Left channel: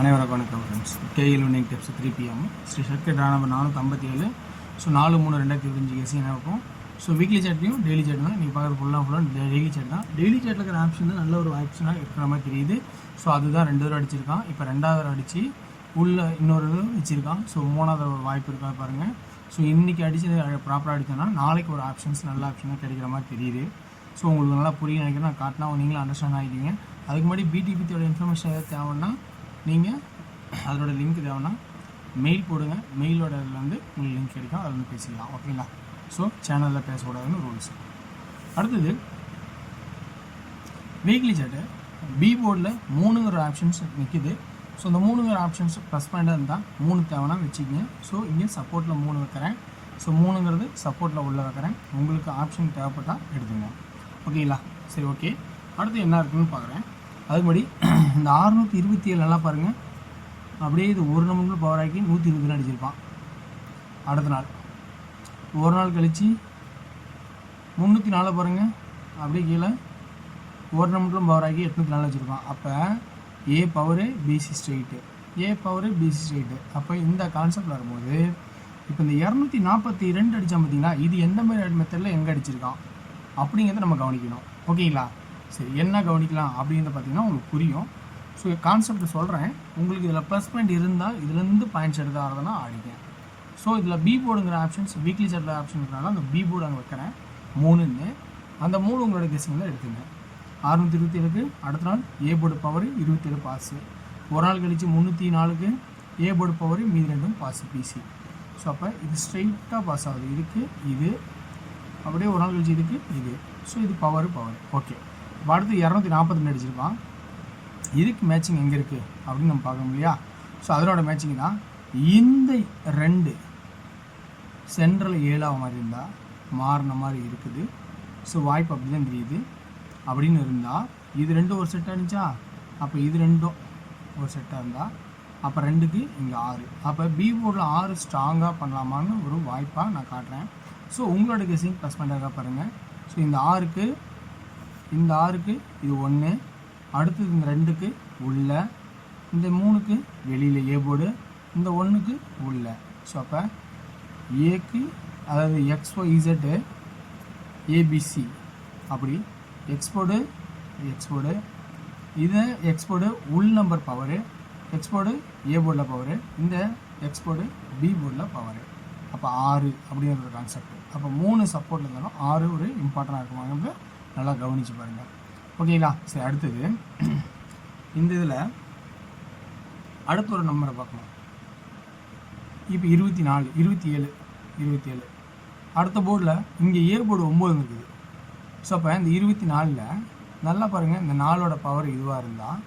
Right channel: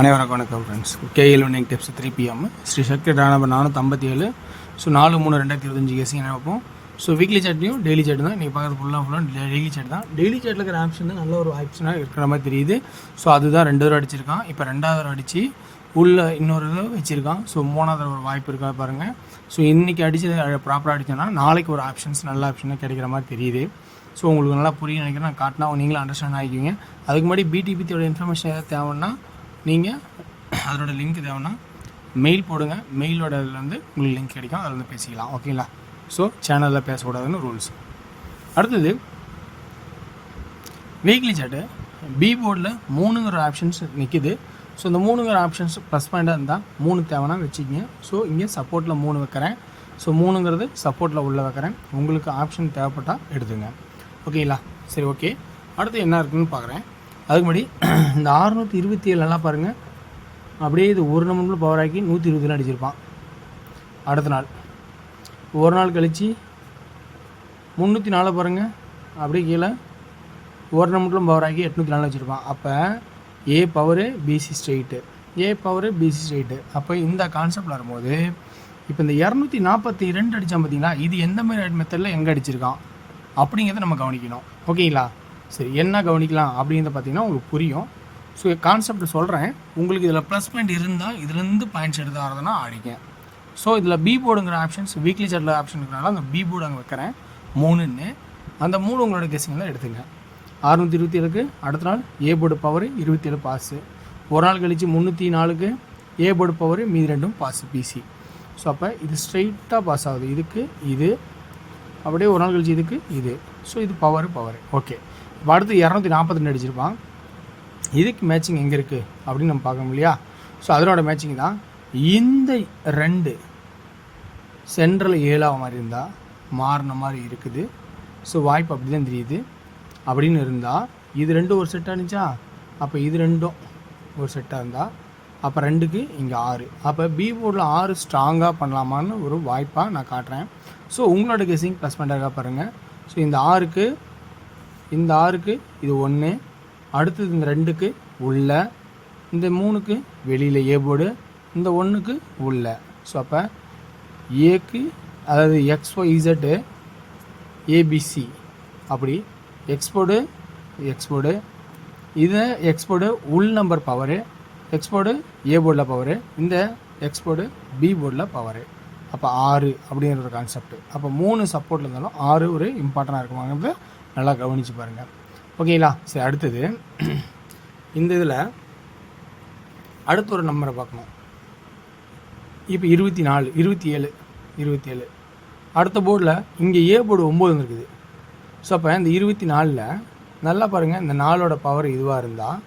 அனைவருக்கும் வணக்கம் friends. KL winning tips 3 PM Sri Sakthi number 457. So 4/3/2025 guessing என்ன வைப்போம். ஸோ வீக்லி சாட்லையும் டெய்லி சாட் தான் நீங்கள் பார்க்குறது ஃபுல்லாக டெய்லி சாட் தான். டெய்லி சாட்டில் இருக்கிற ஆப்ஷன் தான் நல்ல ஒரு ஆப்ஷனாக இருக்கிற மாதிரி தெரியுது. ஸோ அதுதான் 2 தடவை அடிச்சிருக்கான். இப்போ 2வது தடவை அடித்து உள்ள இன்னொரு இது வச்சுருக்கான். ஸோ 3வது ஒரு வாய்ப்பு இருக்கா பாருங்கள். ஸோ இன்றைக்கி அடித்து ப்ராப்பராக அடித்தோன்னா நாளைக்கு ஒரு ஆப்ஷன்ஸ் நல்ல ஆப்ஷனாக கிடைக்கிற மாதிரி தெரியுது. ஸோ உங்களுக்கு நல்லா புரிய நினைக்கிறேன். நான் காட்டினா நீங்களும் அண்டர்ஸ்டாண்ட் ஆகிக்குவீங்க. அதுக்கு முன்னாடி பிடிபித்தியோட இன்ஃபர்மேஷன் ஏதாவது தேவைன்னா நீங்கள் அதோட லிங்க் தேவைன்னா மெயில் போடுங்க. மெயிலோட இதில் வந்து உங்களுக்கு லிங்க் கிடைக்கும், அதில் வந்து பேசிக்கலாம். ஓகேங்களா? ஸோ சேனலில் பேசக்கூடாதுன்னு ரூல்ஸ். அடுத்தது வீக்லி சாட்டு பி போர்டில் 3ங்கிற ஆப்ஷன்ஸ் நிற்கிது. ஸோ இந்த 3ங்கிற ஆப்ஷன்ஸ் ப்ளஸ் பாயிண்டாக இருந்தால் 3 தேவைன்னா வச்சுக்கிங்க. ஸோ இங்கே சப்போர்ட்டில் 3 வைக்கிறேன். ஸோ 3ங்கிறது சப்போர்ட்டில் உள்ளே வைக்கிறேன். உங்களுக்கு ஆப்ஷன் தேவைப்பட்டால் எடுத்துங்க. ஓகேங்களா? சரி, ஓகே. அடுத்து என்ன இருக்குதுன்னு பார்க்குறேன். அதுக்கு முன்னாடி இந்த 627 நல்லா பாருங்கள். அப்படியே இது ஒரு நம்பர் பவர் ஆக்கி 120 அடிச்சிருப்பான். அடுத்த நாள் ஒரு நாள் கழித்து 304 பாருங்கள். அப்படியே கீழே ஒரு நம்பரும் பவர் ஆக்கி 804 வச்சுருப்பான். அப்போ ஏ பவரு பிசி ஸ்ட்ரெயிட்டு, ஏ பவரு பிசி ஸ்ட்ரெயிட்டு. அப்போ இந்த கான்செப்ட் வரும்போது இப்போ இந்த 242 அடித்தான் பார்த்தீங்களா, இது எந்த மாதிரி மெத்தடில் எங்கே அடிச்சிருக்கான் அப்படிங்கிறத நம்ம கவனிக்கணும். ஓகேங்களா? சரி, என்ன கவனிக்கலாம் அப்படிங்கிறத பார்த்தீங்கன்னா உங்களுக்கு புரியும். ஸோ கான்செப்ட் சொல்கிறேன். உங்களுக்கு இதில் ப்ளஸ் பாயிண்ட் இருந்தால் இதுலேருந்து பாயிண்ட்ஸ் எடுத்து வரதுன்னா ஆடிங்க. ஸோ இதில் பி போர்டுங்கிற ஆப்ஷன்ஸ் வீக்லி சாட்டில் ஆப்ஷன் இருக்கிறனால அந்த பி போர்டு அங்கே வைக்கிறேன் 3ன்னு. அந்த 3 உங்களோட கெஸிங் தான் எடுத்துங்க. 627க்கு அடுத்த நாள் ஏ போர்டு பவர் 27 பாஸு. ஒரு நாள் கழித்து 304க்கு ஏ போர்டு பவர் மீதி 2 பாஸு பிசி. ஸோ அப்போ இது ஸ்ட்ரைட்டாக பாஸ் ஆகுது. இதுக்கு இது அப்படியே ஒரு நாள் கழிச்சு இதுக்கு இது. ஸோ இது பவர். ஓகே. இப்போ அடுத்து 242 அடிச்சிருப்பான். இதுக்கு மேட்சிங் எங்கே இருக்குது அப்படின்னு நம்ம பார்க்கணும் இல்லையா? ஸோ அதனோட மேட்சிங் தான் இந்த 2 சென்ட்ரல் 7ஆக மாதிரி இருந்தால் மாறின மாதிரி இருக்குது. ஸோ வாய்ப்பு அப்படி தான் தெரியுது. அப்படின்னு இருந்தால் இது 2 ஒரு செட்டாக இருந்துச்சா, அப்போ இது 2 ஒரு செட்டாக இருந்தால் அப்போ 2க்கு இங்கே 6. அப்போ பி போர்டில் 6 ஸ்ட்ராங்காக பண்ணலாமான்னு ஒரு வாய்ப்பாக நான் காட்டுறேன். ஸோ உங்களோட கெஸிங் ப்ளஸ் பண்ணுறதுக்காக பாருங்கள். ஸோ இந்த 6க்கு இது 1, அடுத்தது இந்த 2க்கு உள்ள, இந்த 3க்கு வெளியில் ஏ போர்டு, இந்த 1க்கு உள்ள. ஸோ அப்போ ஏக்கு அதாவது XYZ ஏபிசி அப்படி எக்ஸ்போர்டு இது எக்ஸ்போர்டு உள் நம்பர் பவரு, எக்ஸ்போர்டு ஏ போர்டில் பவரு, இந்த எக்ஸ்போர்டு பி போர்டில் பவரு. அப்போ 6 அப்படிங்கிற ஒரு கான்செப்ட். அப்போ 3 சப்போர்ட்டில் இருந்தாலும் 6 ஒரு இம்பார்ட்டண்டாக இருக்குமாங்கிறது நல்லா கவனித்து பாருங்கள். ஓகேங்களா? சரி, அடுத்தது இந்த இதில் அடுத்த ஒரு நம்பரை பார்க்கணும். இப்போ 24 27 அடுத்த போர்டில் இங்கே ஏ போர்டு 9 இருக்குது. ஸோ அப்போ இந்த 24ல் நல்லா பாருங்கள். இந்த 4ஓட பவர் இதுவாக இருந்தால்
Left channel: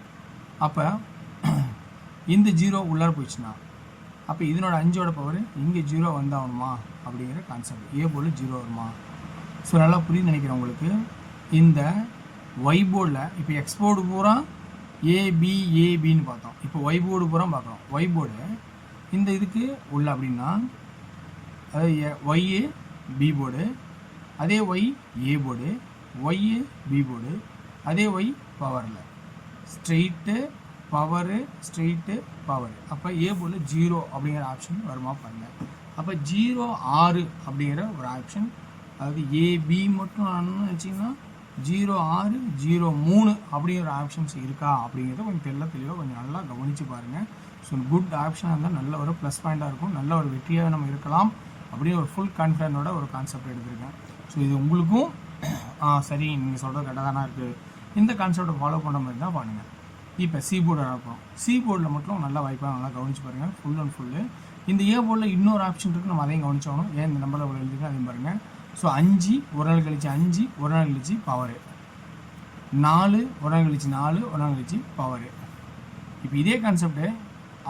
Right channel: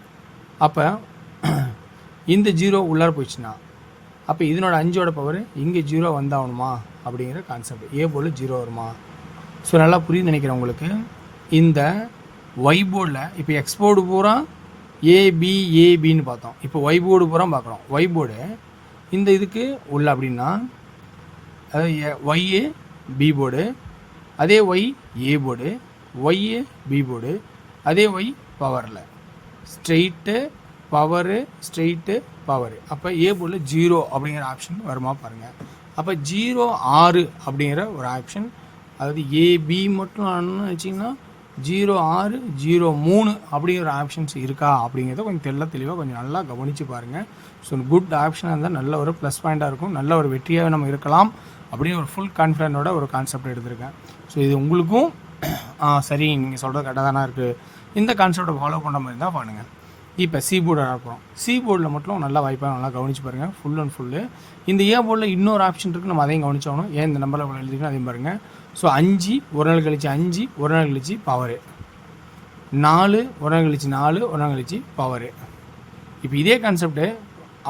அப்போ இந்த 0 உள்ளார போயிடுச்சுன்னா அப்போ இதனோட 5ஓட பவர் இங்கே 0 வந்தாகணுமா அப்படிங்கிற கான்செப்ட். ஏ போர்டில் 0 வருமா? ஸோ நல்லா புரியுது நினைக்கிறேன் உங்களுக்கு. இந்த ஒய் போர்டில் இப்போ எக்ஸ் போர்டு பூரா ஏபின்னு பார்த்தோம். இப்போ ஒய் போர்டு பூரா பார்க்குறோம். ஒய் போர்டு இந்த இதுக்கு உள்ள அப்படின்னா அதாவது ஒய்ஏ பி போர்டு, அதே Y A board, Y A B board, அதே ஒய் பவரில் ஸ்ட்ரெயிட்டு பவரு. அப்போ ஏ போர்டில் 0 அப்படிங்கிற ஆப்ஷன் வருமா பாருங்கள். அப்போ 0 6 அப்படிங்கிற ஒரு ஆப்ஷன், அதாவது ஏபி மட்டும் வச்சிங்கன்னா 06 03 அப்படிங்கிற ஆப்ஷன்ஸ் இருக்கா அப்படிங்கிறத கொஞ்சம் தெளிவாக கொஞ்சம் நல்லா கவனித்து பாருங்கள். ஸோ குட் ஆப்ஷனாக இருந்தால் நல்ல ஒரு ப்ளஸ் பாயிண்ட்டாக இருக்கும், நல்ல ஒரு வெற்றியாக நம்ம இருக்கலாம் அப்படின்னு ஒரு ஃபுல் கான்ஃபிடென்ட்டோட ஒரு கான்செப்ட் எடுத்திருக்கேன். ஸோ இது உங்களுக்கும் சரி நீங்கள் சொல்கிறது கரெக்டாக தானே இருக்குது. இந்த கான்செப்டை ஃபாலோ பண்ண மாதிரி தான் பண்ணுங்கள். இப்போ சி போர்டு அனுப்புகிறோம். சி போர்டில் மட்டும் நல்லா வாய்ப்பாக நல்லா கவனித்து பாருங்கள். ஃபுல் அண்ட் ஃபுல்லு இந்த ஏ போர்டில் இன்னொரு ஆப்ஷன் இருக்குது, நம்ம அதையும் கவனிச்சாகணும். ஏன் இந்த நம்பரில் எழுதிக்கணும் அதையும் பாருங்கள். ஸோ 5 ஒரு நாள் கழிச்சு 5 ஒரு நாள் கழிச்சு பவரு, 4 ஒரு நாள் கழிச்சு 4 ஒரு நாள் கழிச்சு பவரு. இப்போ இதே கான்செப்டு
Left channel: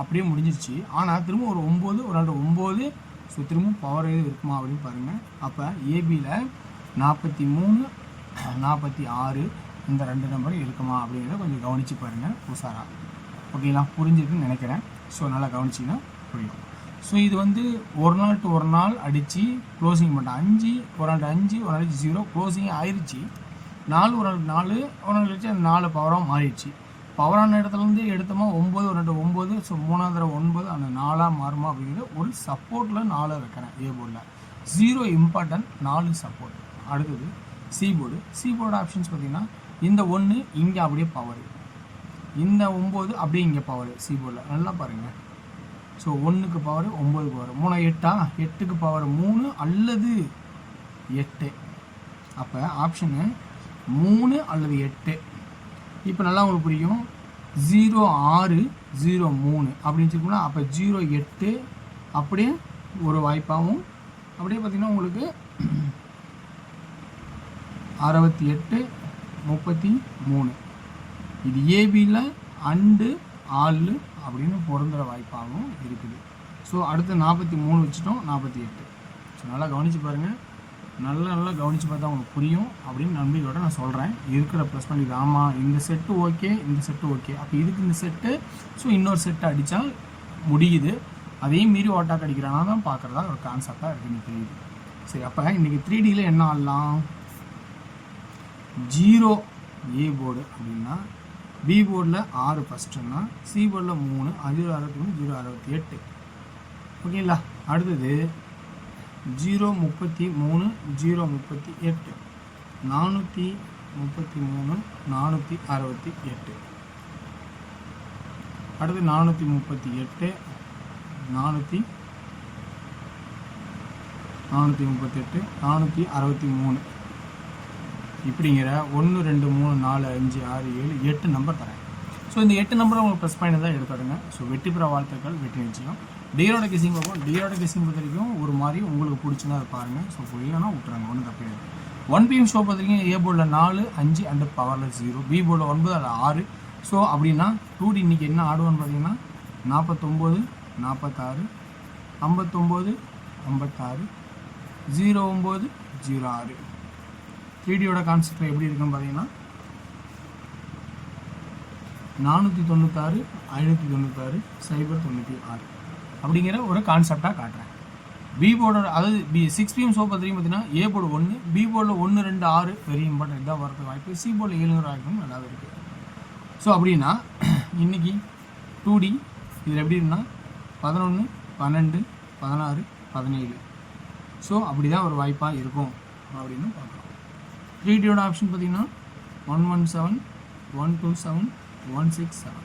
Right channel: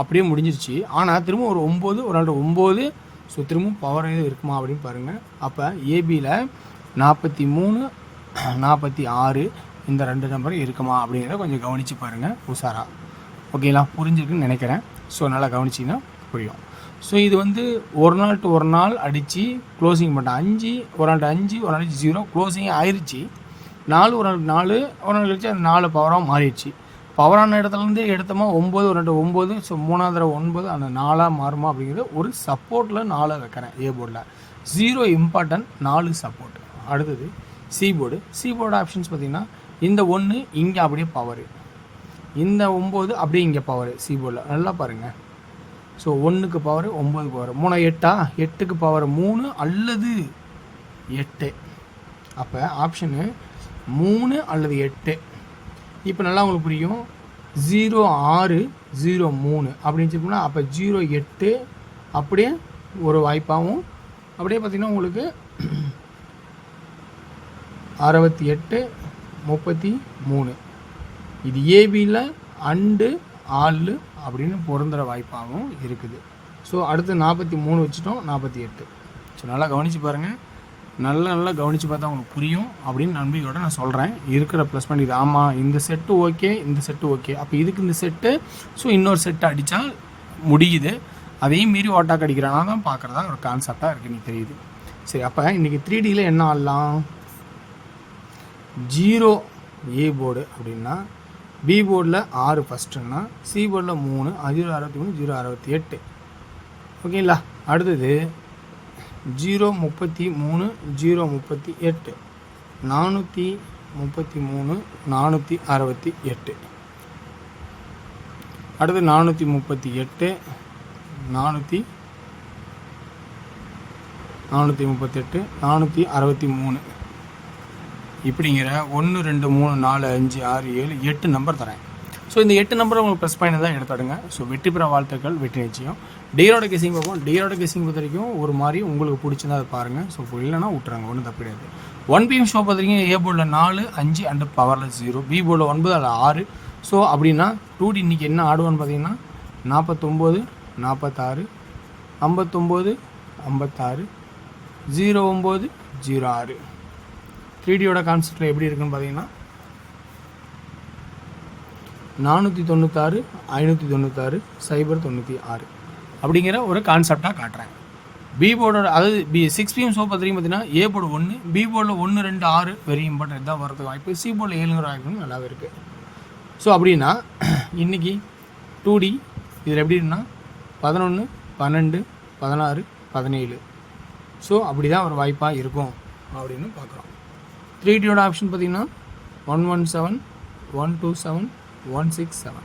அப்படியே முடிஞ்சிருச்சு. ஆனால் திரும்ப ஒரு 9 ஒரு நாள் 9. ஸோ திரும்ப பவர் இருக்குமா அப்படின்னு பாருங்கள். அப்போ ஏபியில் 43 46 இந்த 2 நம்பர் இருக்குமா அப்படிங்கிறத கொஞ்சம் கவனித்து பாருங்கள் உஷாரா. ஓகேங்களா? புரிஞ்சிருக்குன்னு நினைக்கிறேன். ஸோ நல்லா கவனிச்சிங்கன்னா புரியும். ஸோ இது வந்து ஒரு நாள் டு ஒரு நாள் அடித்து க்ளோசிங் பண்ணிட்டேன். 5 ஒரு நாள் 5 ஒரு நாளைக்கு 0 க்ளோசிங் ஆயிடுச்சு. 4 ஒரு நாள் 4 ஒரு நாள் கழிச்சு அந்த 4 பவராக மாறிடுச்சு. பவரான இடத்துலேருந்து எடுத்தோமா 9 2 9, ஸோ 3ஆவது தடவை 9 அந்த 4ஆக மாறுமா அப்படிங்கிறது ஒரு சப்போர்ட்டில் 4 வைக்கிறேன் ஏ போர்டில். 0 இம்பார்ட்டன்ட், 4 சப்போர்ட். அடுத்தது சி போர்டு ஆப்ஷன்ஸ் பார்த்தீங்கன்னா இந்த 1 இங்கே அப்படியே பவர், இந்த 9 அப்படியே இங்கே பவர். சி போர்டில் நல்லா பாருங்கள். ஸோ 1க்கு பவர் 9 பவர் 3 8ஆ, 8க்கு பவர் 3 அல்லது 8. அப்போ ஆப்ஷனு 3 அல்லது 8. இப்போ நல்லா உங்களுக்கு புரியும். 0 6 0 3 அப்படின்னு சொல்லணும்னா அப்போ 0 8 அப்படியே ஒரு வாய்ப்பாகவும், அப்படியே பார்த்திங்கன்னா உங்களுக்கு 68 33 இது ஏபியில் அண்டு ஆள் அப்படின்னு பொருந்துகிற வாய்ப்பாகவும் இருக்குது. ஸோ அடுத்து 43 வச்சுட்டோம், 48. ஸோ நல்லா கவனித்து பாருங்கள். நல்லா கவனித்து பார்த்தா உங்களுக்கு புரியும் அப்படின்னு நம்பிக்கையோட நான் சொல்கிறேன். இருக்கிற ப்ளஸ் பண்ணி இது ஆமாம் இந்த செட்டு ஓகே, இந்த செட்டு ஓகே, அப்போ இதுக்கு இந்த செட்டு, ஸோ இன்னொரு செட்டு அடித்தா முடியுது. அதையும் மீறி ஓட்டாக்கு அடிக்கிறானா தான் பார்க்குறதா ஒரு கான்செப்டாக இருக்குது, எனக்கு தெரியுது. சரி, அப்போ இன்றைக்கி 3Dயில் என்ன ஆடலாம்? 0 ஏ போர்டு அப்படின்னா பி போர்டில் 6 ஃபஸ்ட்டுன்னா சி போர்டில் 3 0 63 0 68. ஓகேங்களா? அடுத்தது 0 33 0 38 433 468. அடுத்து 438 438 463 இப்படிங்கிற 1 2 3 4 5 6 7 8 நம்பர் தரேன். ஸோ இந்த 8 நம்பர் உங்களுக்கு ப்ளஸ் பாயிண்ட் தான் எடுத்துடுங்க. ஸோ வெற்றி பெற வாழ்த்துக்கள், வெற்றி நிச்சயம். டேயோட கெஸிங் பார்ப்போம். டேயோட கெஸிங் பொறுத்த வரைக்கும் ஒரு மாதிரி உங்களுக்கு பிடிச்சதா அதை பாருங்கள். ஸோ இல்லைனா விட்டுறாங்க, ஒன்றும் தப்பு கிடையாது. 1PM ஷோ பார்த்துருக்கீங்க. ஏ போர்டில் 4 5 அண்டு பவரில் 0, பி போர்டில் 9 அதில் 6. ஸோ அப்படின்னா 2D இன்றைக்கி என்ன ஆடுவான்னு பார்த்தீங்கன்னா 49 46 59 56 09 06. 3Dயோட கான்செப்டில் எப்படி இருக்குன்னு பார்த்தீங்கன்னா 496 596 096 அப்படிங்கிற ஒரு கான்செப்டாக காட்டுறேன். பி போர்டோட அதாவது 6PM ஷோ பார்த்தீங்கன்னா ஏ போர்டு 1, பி போர்டில் 1 2 6 வெரி இம்பார்ட்டன்ட் தான் வரதுக்கு வாய்ப்பு. சி போர்டில் 7 வாய்ப்பு நல்லாவே இருக்குது. ஸோ அப்படின்னா இன்றைக்கி 2D இதில் எப்படி இருக்குன்னா 11 12 16 17. ஸோ அப்படி தான் ஒரு வாய்ப்பாக இருக்கும் அப்படின்னு பார்க்குறோம். 3Dயோட ஆப்ஷன் பார்த்தீங்கன்னா 117 127 167.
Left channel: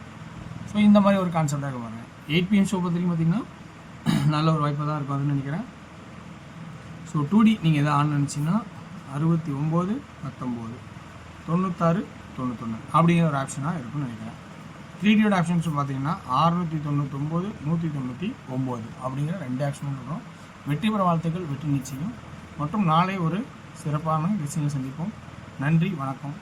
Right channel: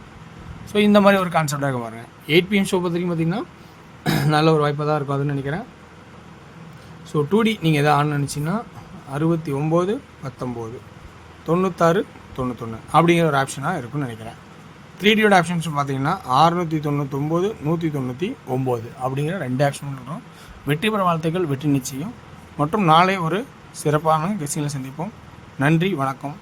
ஸோ இந்த மாதிரி ஒரு கான்செப்டாக பாருங்க. 8PM ஷோ பார்த்தீங்கன்னா நல்ல ஒரு வாய்ப்பாக தான் இருக்கும் அதுன்னு நினைக்கிறேன். ஸோ 2D நீங்கள் எதாவது ஆன் நினச்சிங்கன்னா 69 19 96 91 அப்படிங்கிற ஒரு ஆப்ஷனாக இருக்குன்னு நினைக்கிறேன். 3Dயோட ஆப்ஷன்ஸ் பார்த்தீங்கன்னா 699 199 அப்படிங்கிற 2 ஆப்ஷன் இருக்கும். வெற்றி பெற வாழ்த்துக்கள், வெற்றி நிச்சயம். மற்றும் நாளை ஒரு சிறப்பான கெஸ்டிங்கில் சந்திப்போம். நன்றி, வணக்கம்.